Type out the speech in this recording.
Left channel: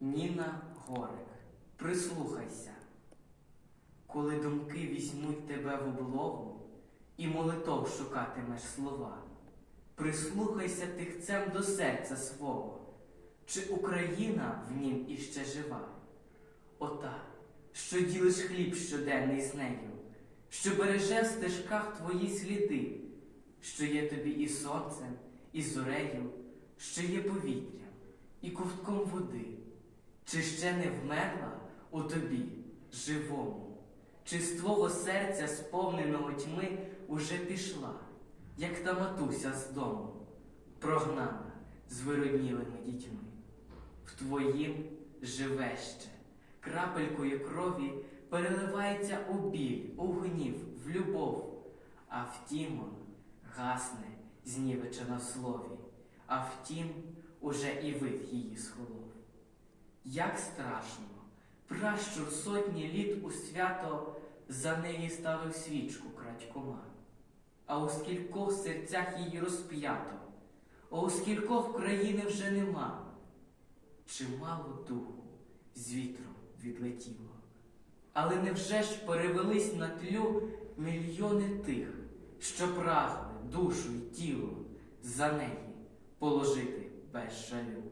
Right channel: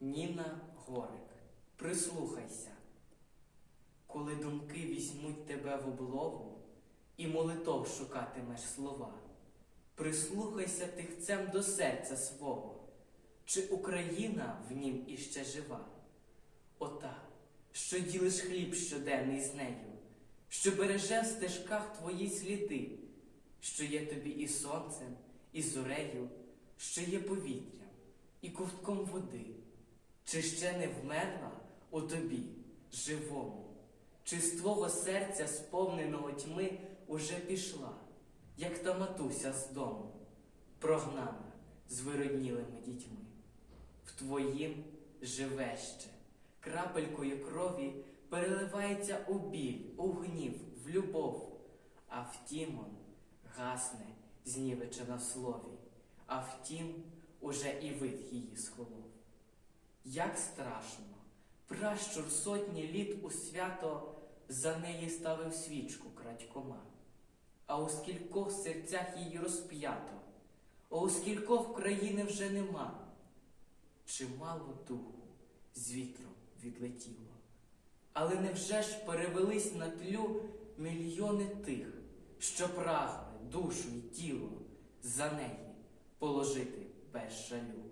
Ніна Горик, прислухайся, коли думки візьмуть тебе в облогу і молитов шукатимеш слова, прислухайся тихцем до серця свого, чи Україна в нім іще жива? Ота, що ділиш хліб щоденний з нею, що береже в стежках твої сліди, що є тобі і сонцем, і зорею, що є повітрям, і ковтком води, чи ще не вмерла у тобі, живому, чи з твого серця, сповненого тьми, уже пішла, як та матуся з дому, прогнана з вироднілими дітьми. В твоїм живе ще, крапелькою крові переливається у біль, у гнів, в любов, а втім он гасне знівечена в слові, а втім уже і вид її схолов. Як страшно, пращур сотні літ у свято за неї ставив свічку крадькома, а у скількох серцях її розп'ято, а у скількох країни вже нема. Чимало духу з вітром відлетіло. Але невже ж перевелись на тлю мільйони тих, що прагли душу й тіло за неї положити без жалю?